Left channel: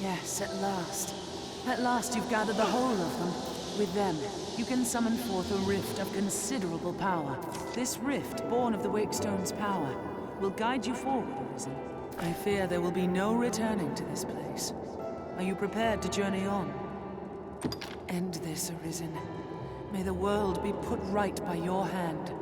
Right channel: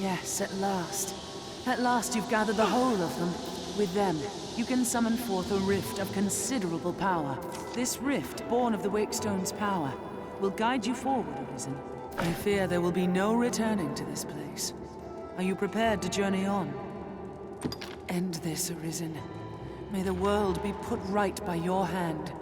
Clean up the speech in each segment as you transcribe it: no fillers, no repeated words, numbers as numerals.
Yes, at last. At last you've gathered the whole of them. With them, you can summon forth a rift of considerable power. This rift, born of the Wakestone's power, will guide you forward, Arisen. I fear there will be no returning to this place. Are you prepared to journey on? End this, Arisen. May the world be put right by your hand.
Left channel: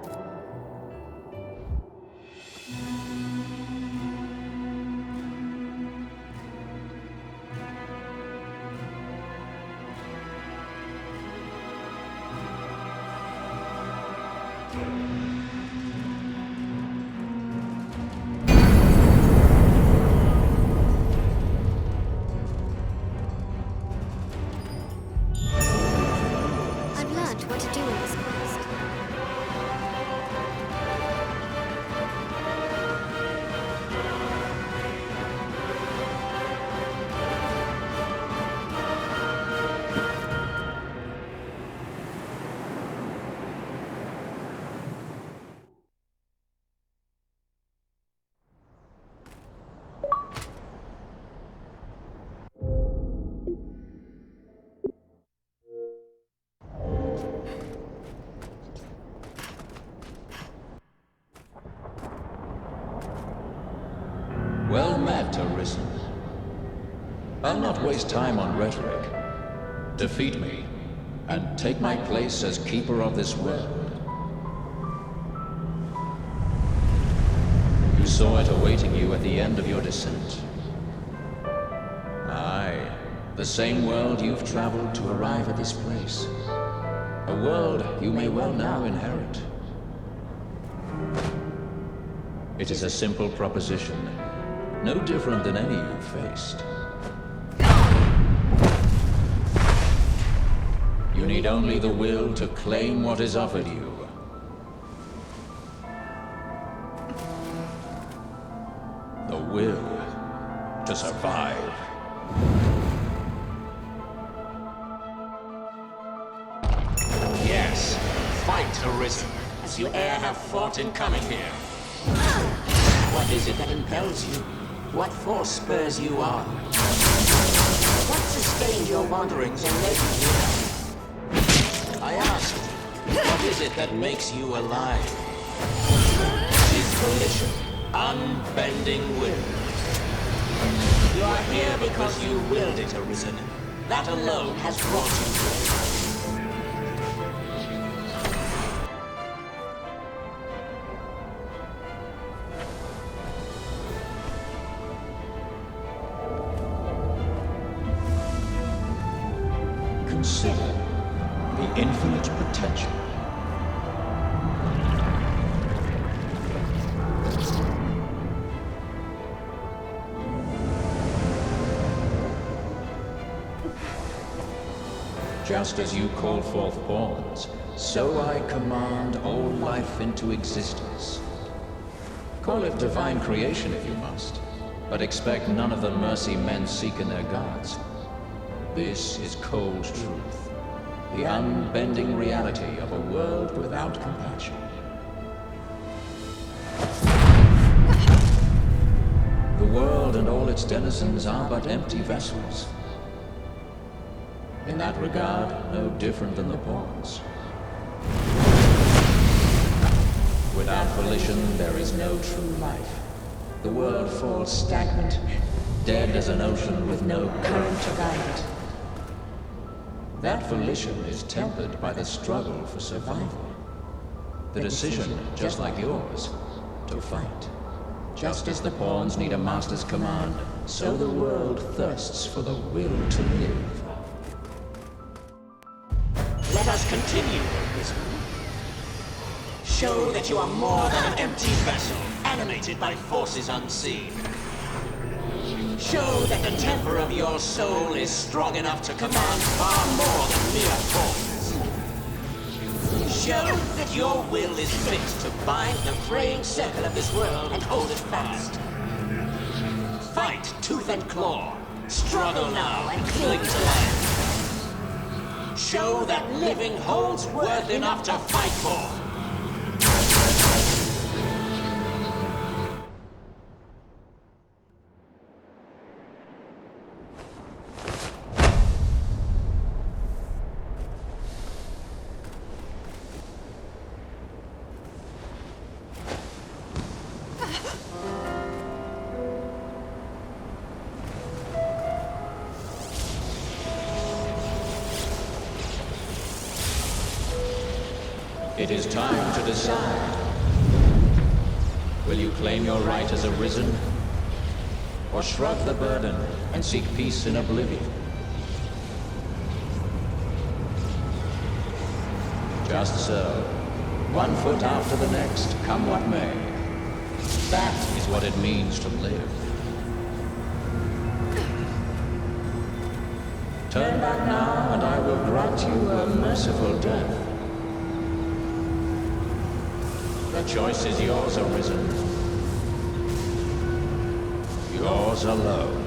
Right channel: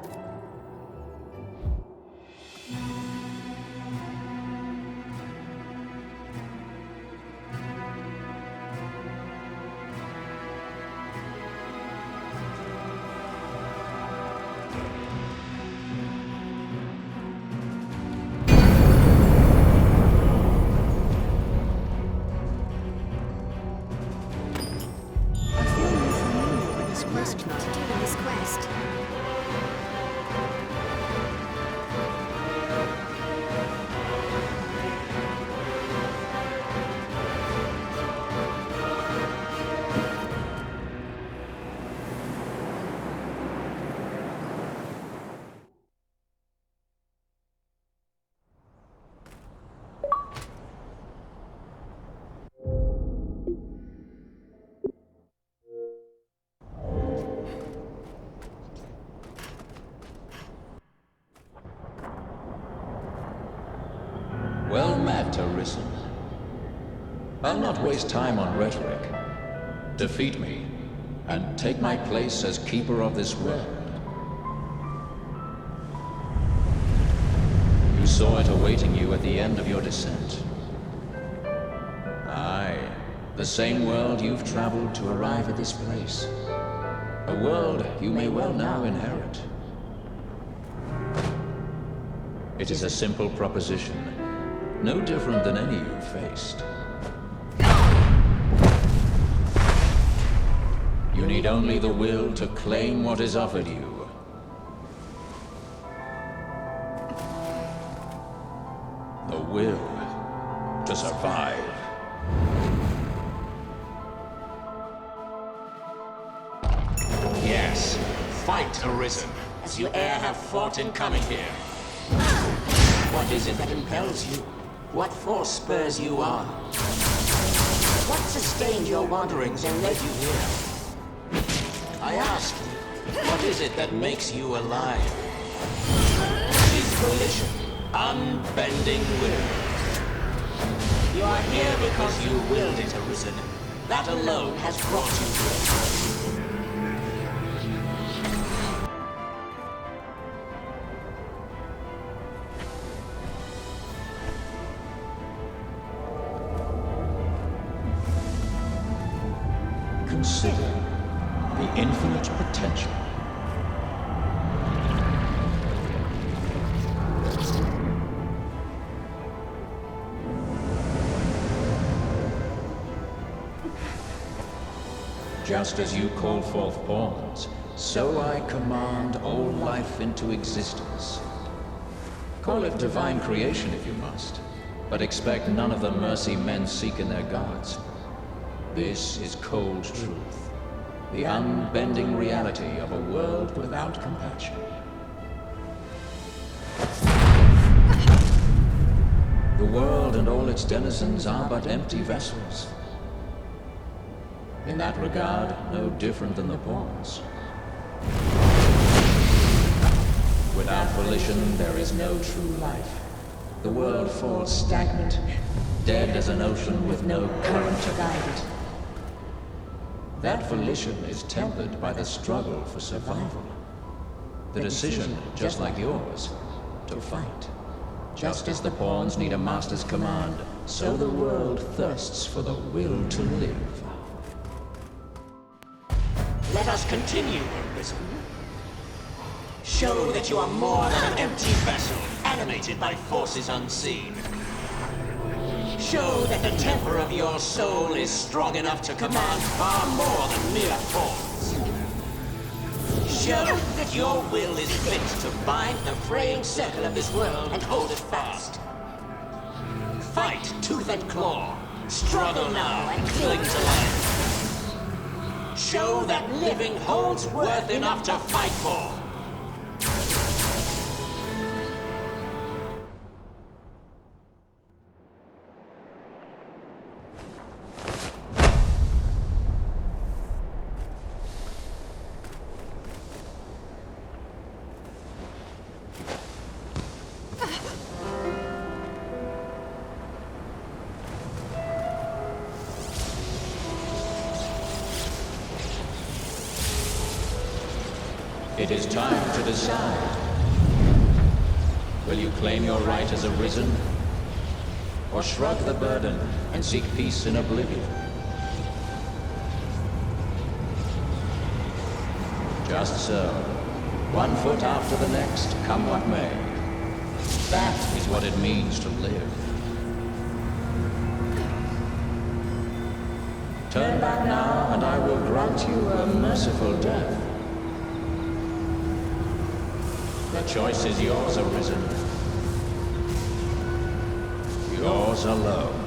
Well met, Arisen. I'll not waste time on rhetoric. Defeat me, and take my place as keeper of this world. You saw it awaiting you at the end of your descent. Aye, the same world you've traveled to arrive at this place. A world you may well now inherit. It is a simple proposition, no different than any you've faced. You need only the will to claim what is offered you. The will to survive. Yes, fight, Arisen, as you e'er have fought in coming here. What is it that impels you? What force spurs you on? What sustained your wanderings and led you here? I asked, what is it that makes you alive? It is volition, unbending will. You are here because you willed it, Arisen. That alone has brought you here. Consider the infinite potential. Just as you call forth pawns, so I command all life into existence. Call it divine creation if you must, but expect none of the mercy men seek in their gods. This is cold truth, the unbending reality of a world without compassion. The world and all its denizens are but empty vessels. In that regard, no different than the pawns. Without volition, there is no true life. The world falls stagnant, dead as an ocean with no current to guide it. That volition is tempered by the struggle for survival. The decision, just like yours, to fight. Just as the pawns need a master's command, so the world thirsts for the will to live. Let us continue, Arisen. Show that you are more than an empty vessel, animated by forces unseen. Show that the temper of your soul is strong enough to command far more than mere force. Show that your will is fit to bind the fraying circle of this world and hold it fast. Fight tooth and claw. Struggle now and cling to life. Show that living holds worth enough to fight for. It is time to decide. Will you claim your right as arisen? Or shrug the burden and seek peace in oblivion? Just so. One foot after the next, come what may. That is what it means to live. Turn back now, and I will grant you a merciful death. The choice is yours, Arisen. Yours alone.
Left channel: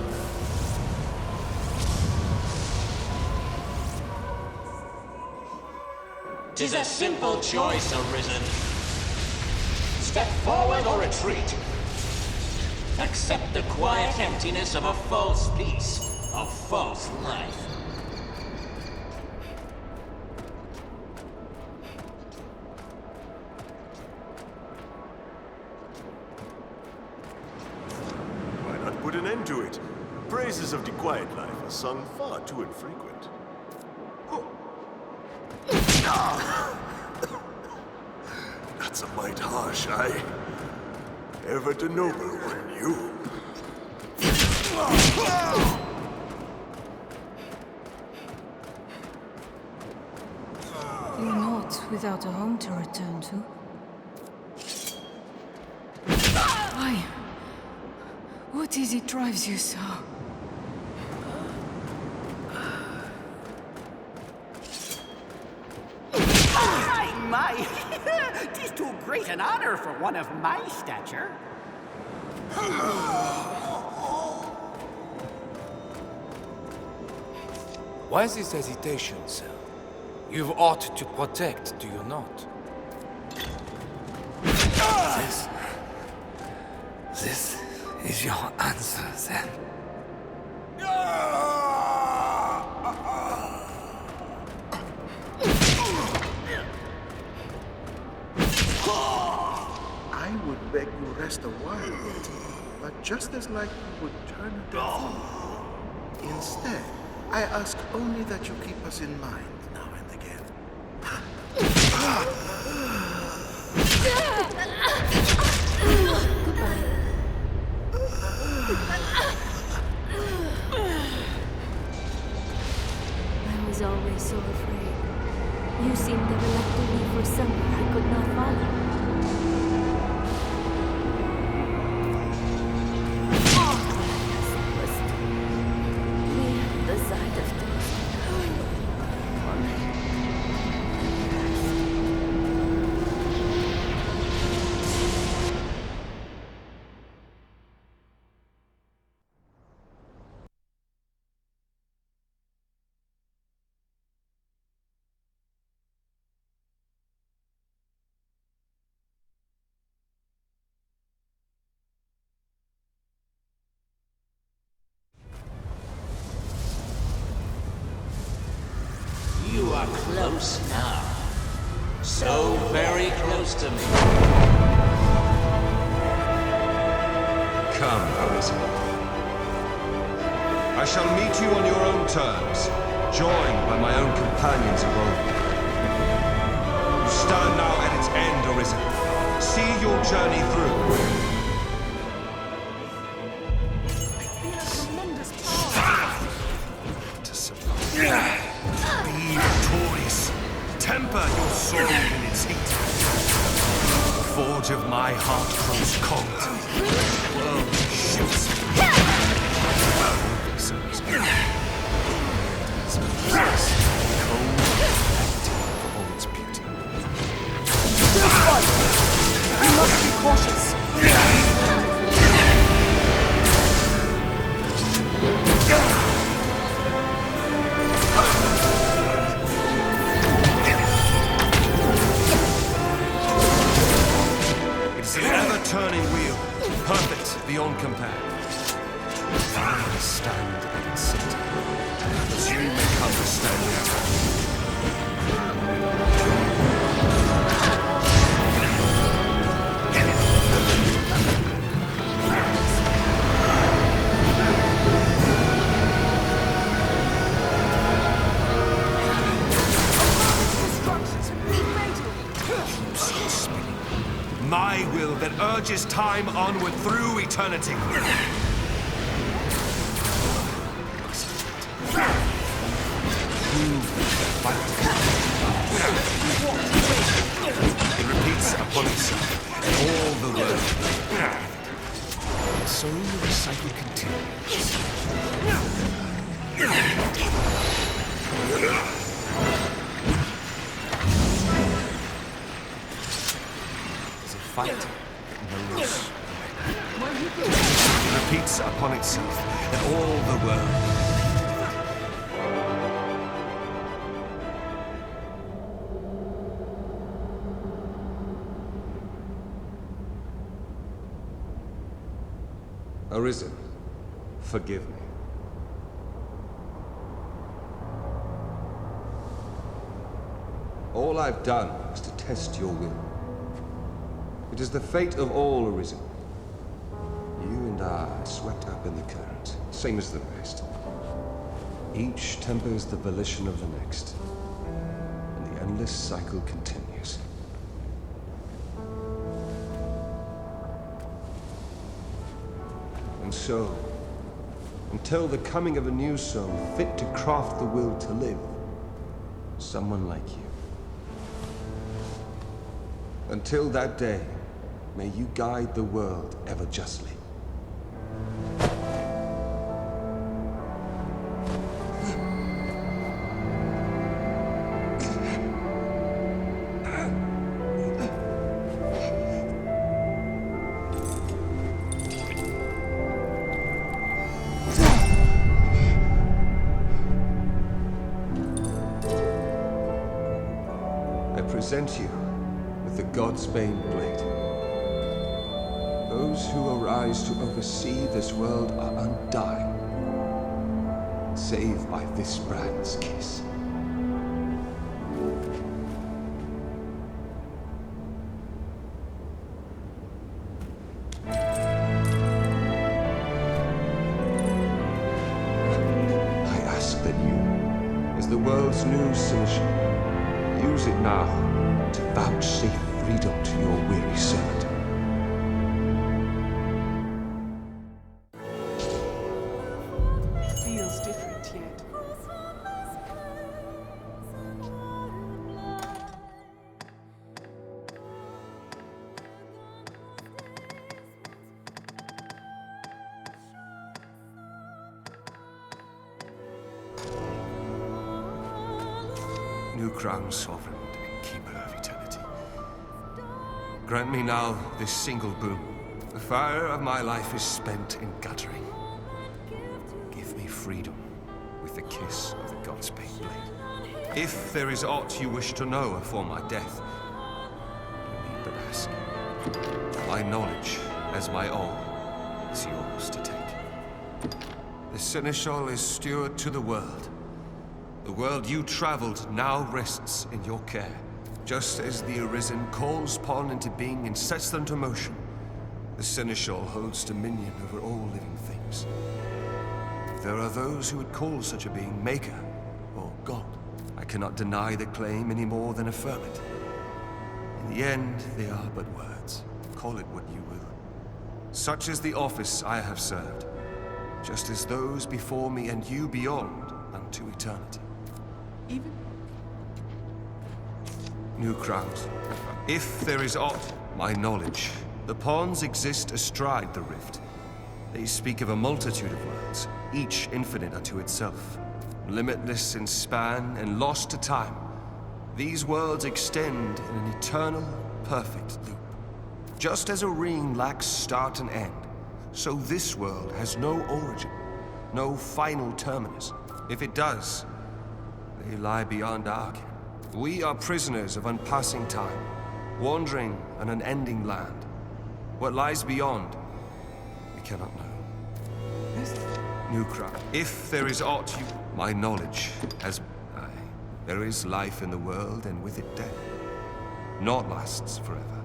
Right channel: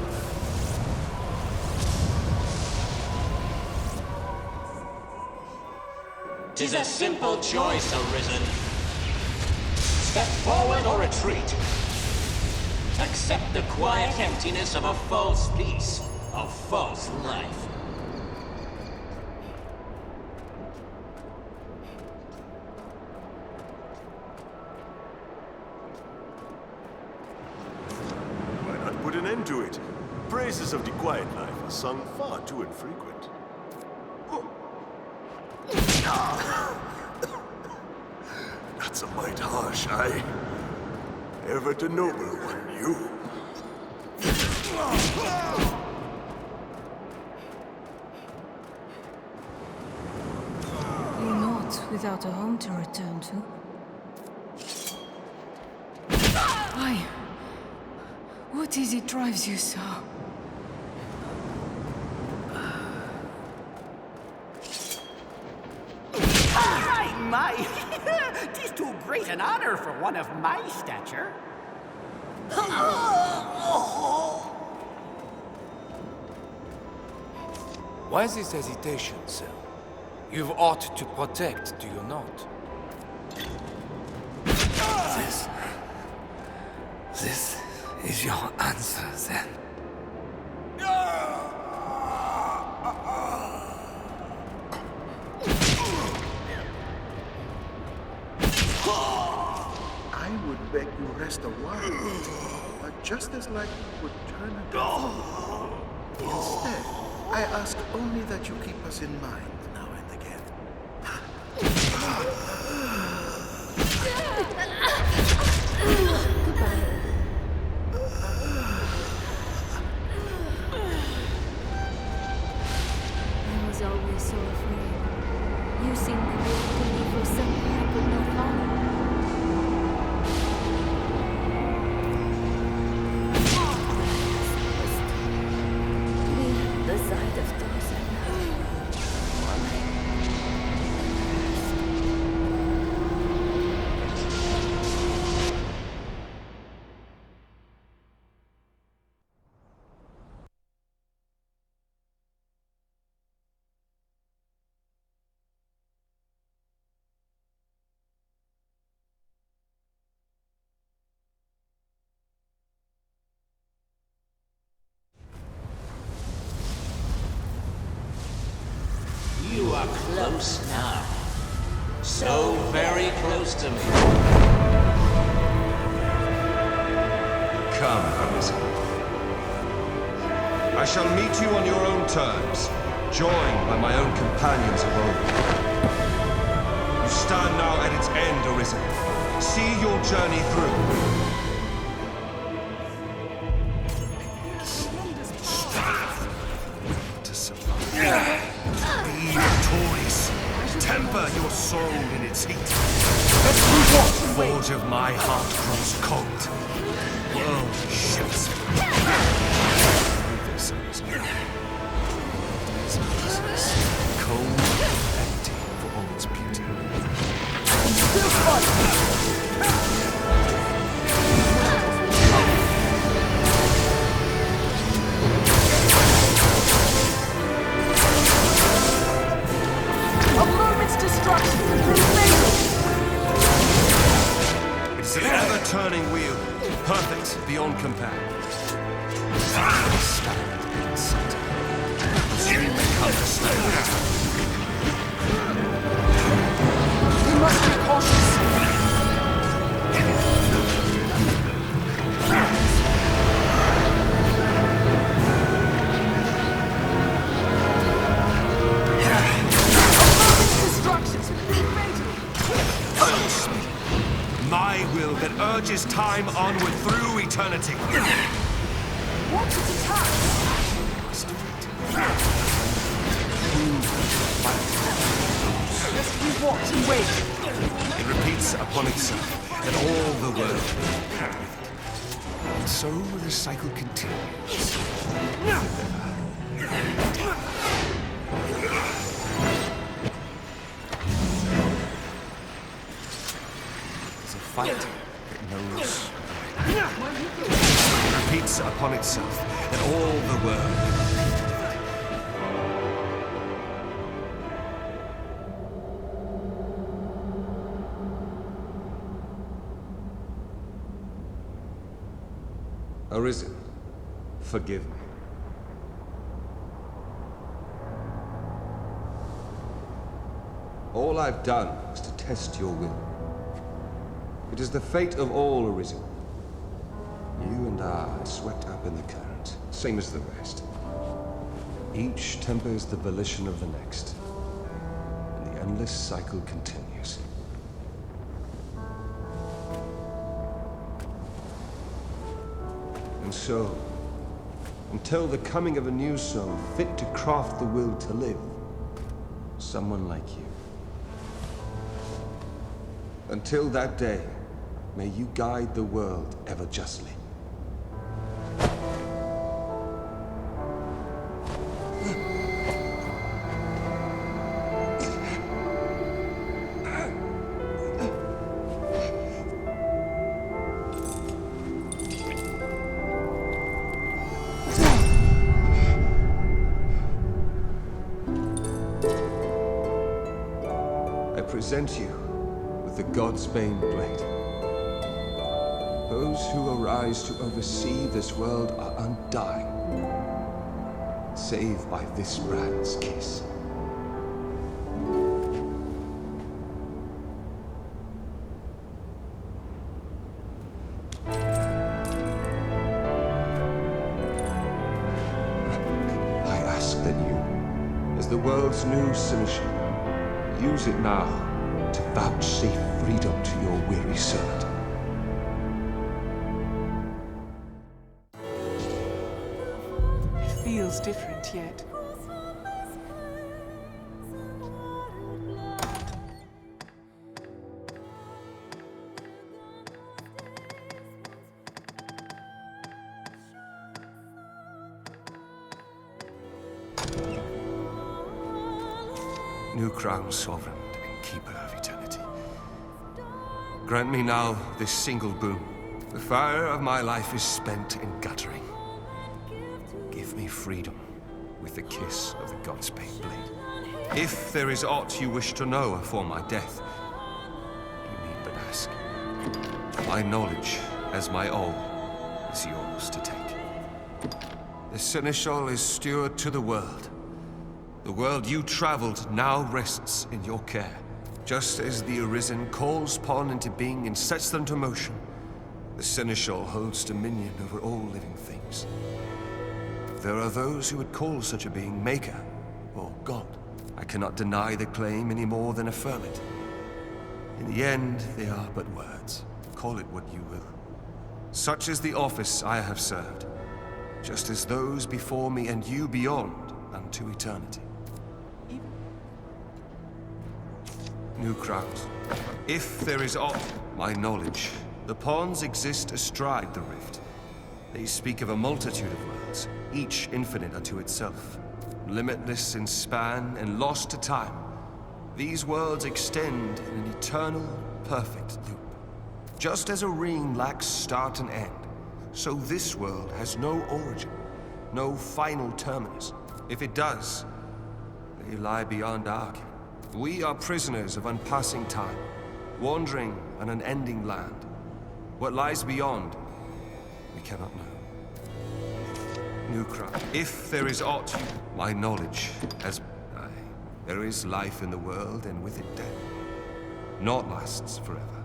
'Tis a simple choice, Arisen. Step forward or retreat. Accept the quiet emptiness of a false peace, a false life. Why not put an end to it? The praises of the quiet life are sung far too infrequent. That's a mite harsh, aye? Ever the noble one, you. You're not without a home to return to. Why? What is it drives you so? My! 'Tis too great an honor for one of my stature. Why this hesitation, sir? You've aught to protect, do you not? This is your answer, then? I would beg you rest a while yet, but just as like you would turn a deaf ear. Instead, I ask only that you keep us in mind now and again. Goodbye. I was always so afraid. You seemed ever like to leave for somewhere I could not follow. All I asked was to be at the side of those I loved. All I ever asked. You are close now. So very close to me. Come, Arisen. I shall meet you on your own terms, joined by my own companions of old. You stand now at its end, Arisen. See your journey through. To survive. Be victorious. Temper your soul in its heat. The forge of my heart grows cold. The world shifts. I know this, Arisen. It is useless, cold, and empty for all its beauty. Still fight! We must be cautious. It's an ever-turning wheel, perfect beyond compare. I stand in its center, as you may come to stand in it. We must be cautious. A moment's destruction could be fatal. that urges time onward through eternity. It repeats upon itself, and all the world. And so the cycle continues. There's a fight that knows. It repeats upon itself, and all the world. Arisen, forgive me. All I've done is to test your will. It is the fate of all Arisen. You and I are swept up in the current, same as the rest. Each tempers the volition of the next, and the endless cycle continues. And so, until the coming of a new soul fit to craft the will to live, someone like you. Until that day, may you guide the world ever justly. I present you with the Godsbane blade. Those who arise to oversee this world are undying, save by this brand's kiss. I ask that you, as the world's new Seneschal, use it now to vouchsafe freedom to your weary servant. Feels different yet. New crown, sovereign and keeper of eternity. Grant me now this single boon. The fire of my life is spent in guttering. Give me freedom with the kiss of the Godsbane blade. If there is aught you wish to know afore my death, you need but ask. My knowledge, as my all, is yours to take. The Seneschal is steward to the world. The world you traveled now rests in your care. Just as the Arisen calls pawn into being and sets them to motion, the Seneschal holds dominion over all living things. There are those who would call such a being Maker or God. I cannot deny the claim any more than affirm it. In the end, they are but words. Call it what you will. Such is the office I have served, just as those before me and you beyond unto eternity. Even? New crowns. If there is aught, my knowledge, the pawns exist astride the rift. They speak of a multitude of worlds, each infinite unto itself, limitless in span and lost to time. These worlds extend in an eternal, perfect loop. Just as a ring lacks start and end, so this world has no origin, no final terminus. If it does, they lie beyond our ken. We are prisoners of unpassing time, wandering an unending land. What lies beyond, we cannot know. New crown. If there is aught you... My knowledge has... Aye. There is life in the world, and with it death. Naught lasts forever.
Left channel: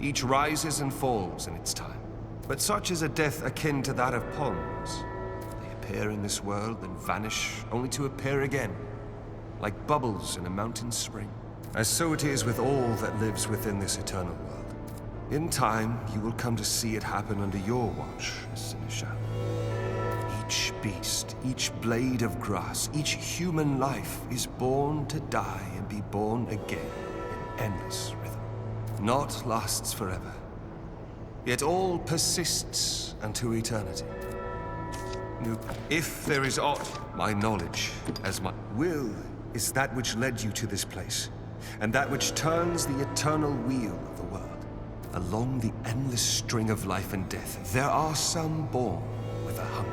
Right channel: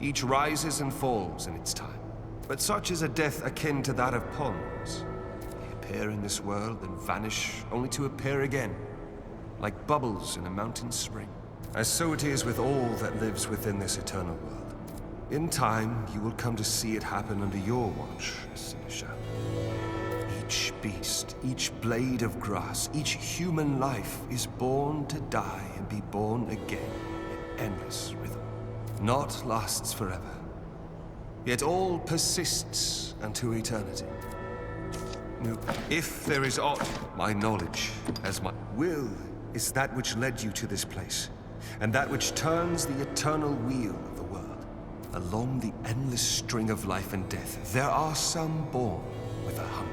Each rises and falls in its time. But such is a death akin to that of pawns. They appear in this world and vanish, only to appear again, like bubbles in a mountain spring. As so it is with all that lives within this eternal world. In time, you will come to see it happen under your watch, Seneschal. Each beast, each blade of grass, each human life is born to die and be born again in endless rhythm. Naught lasts forever, yet all persists unto eternity. If there is aught, my knowledge as my will is that which led you to this place, and that which turns the eternal wheel of the world. Along the endless string of life and death, there are some born with a hunger.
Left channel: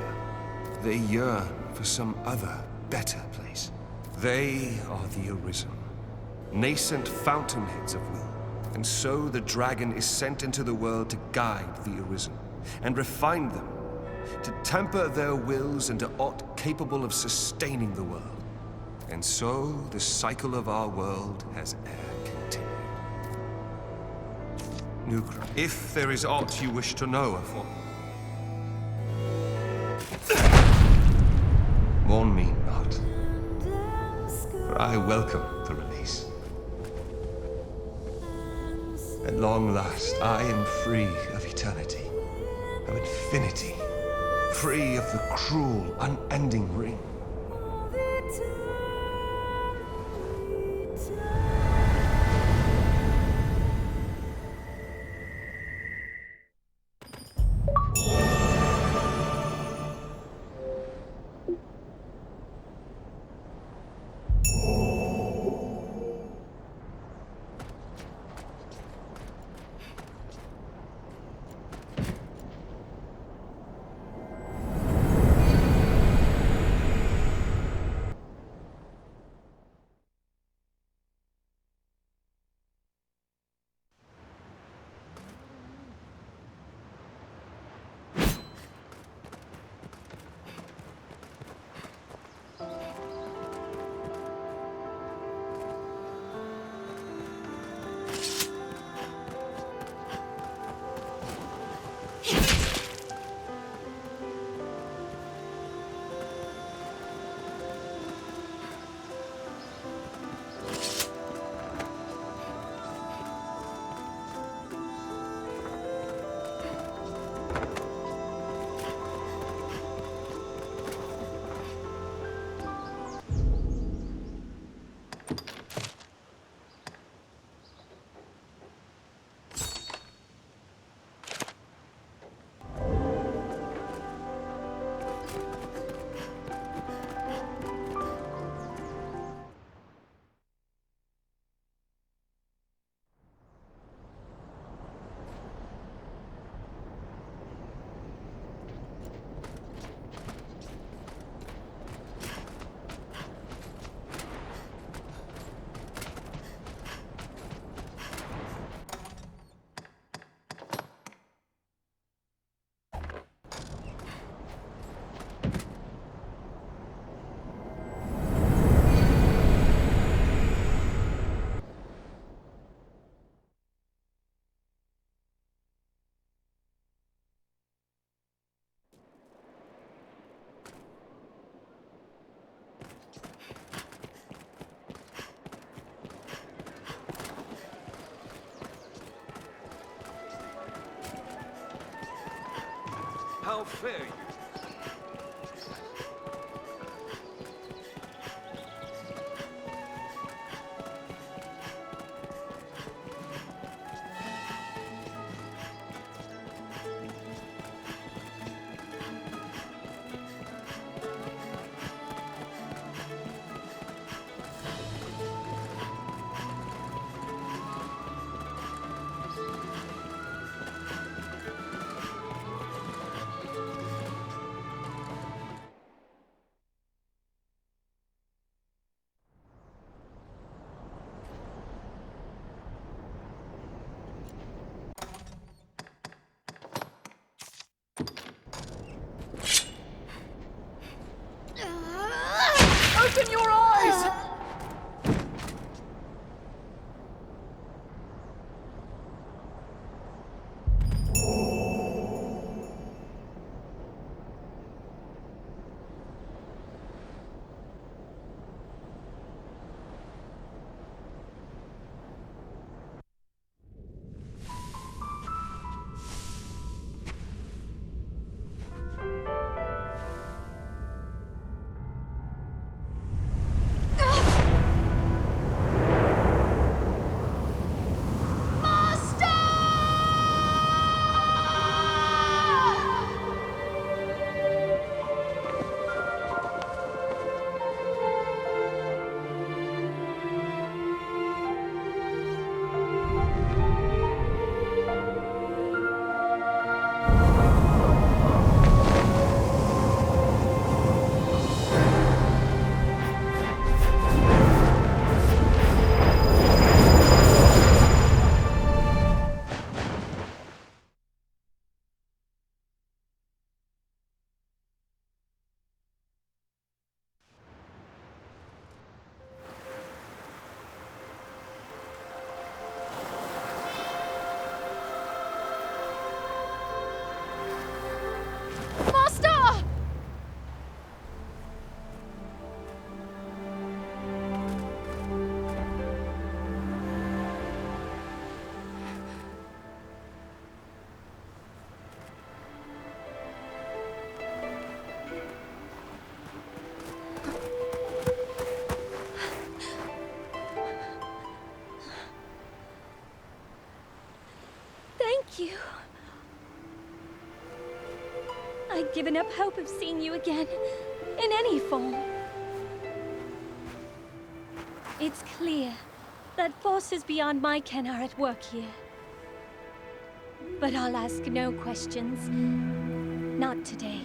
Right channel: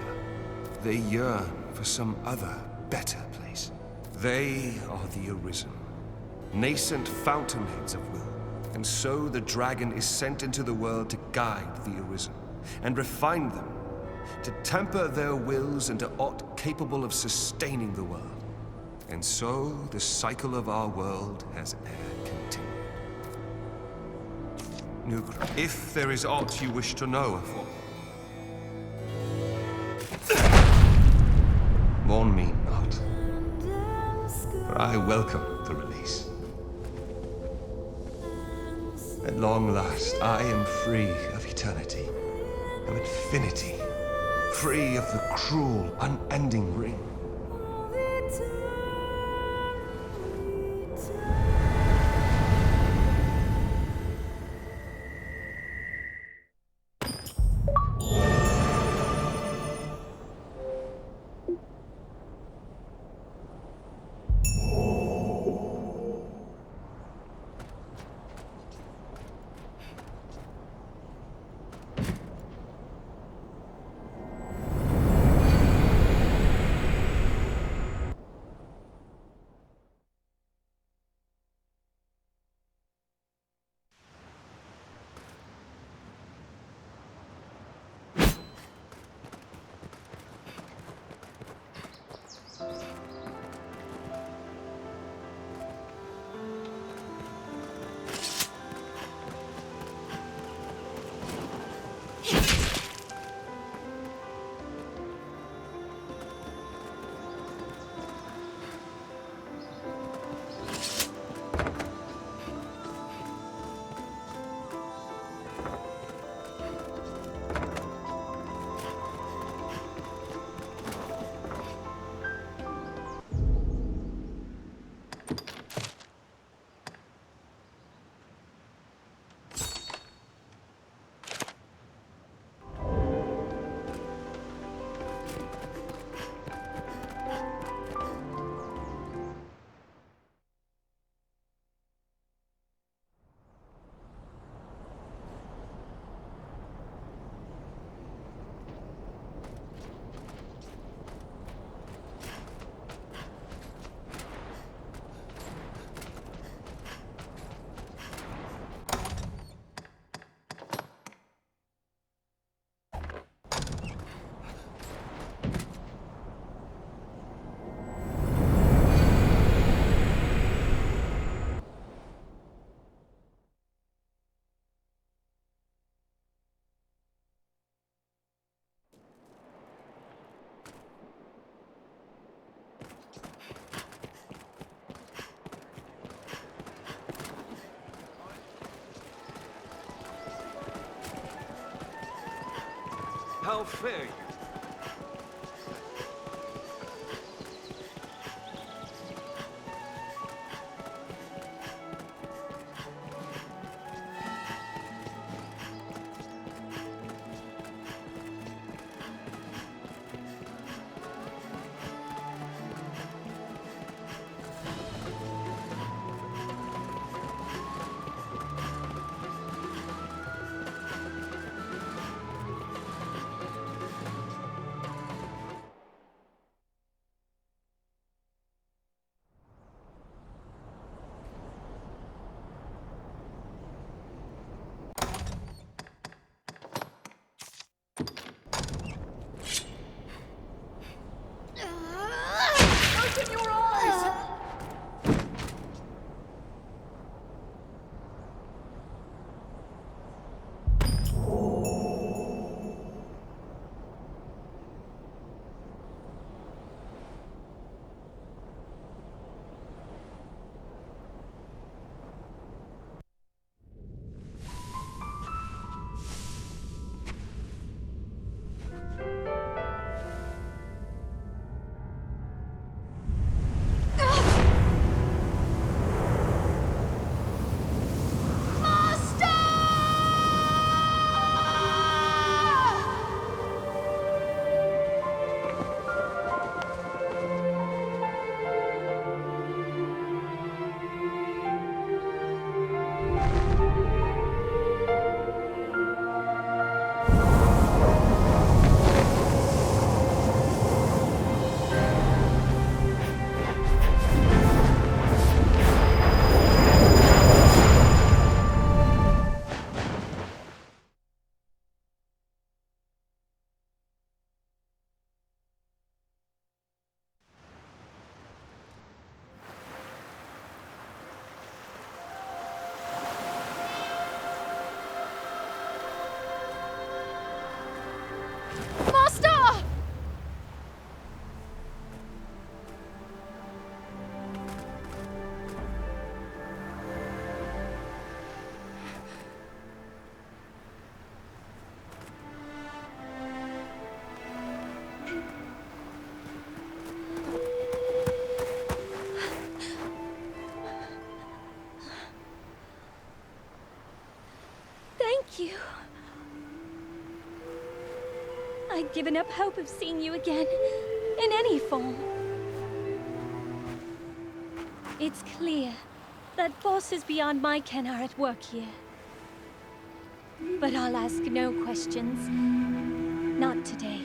They yearn for some other, better place. They are the Arisen, nascent fountainheads of will. And so the dragon is sent into the world to guide the Arisen, and refine them, to temper their wills into aught capable of sustaining the world. And so the cycle of our world has e'er continued. Nukra, if there is aught you wish to know of what... Mourn me not, for I welcome the release. At long last, I am free of eternity, of infinity, free of the cruel, unending ring. I'd given up hope of seeing you again, in any form. It's clear that forces beyond my ken are at work here. But I'll ask no questions. Not today.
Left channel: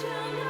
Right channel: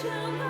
Shall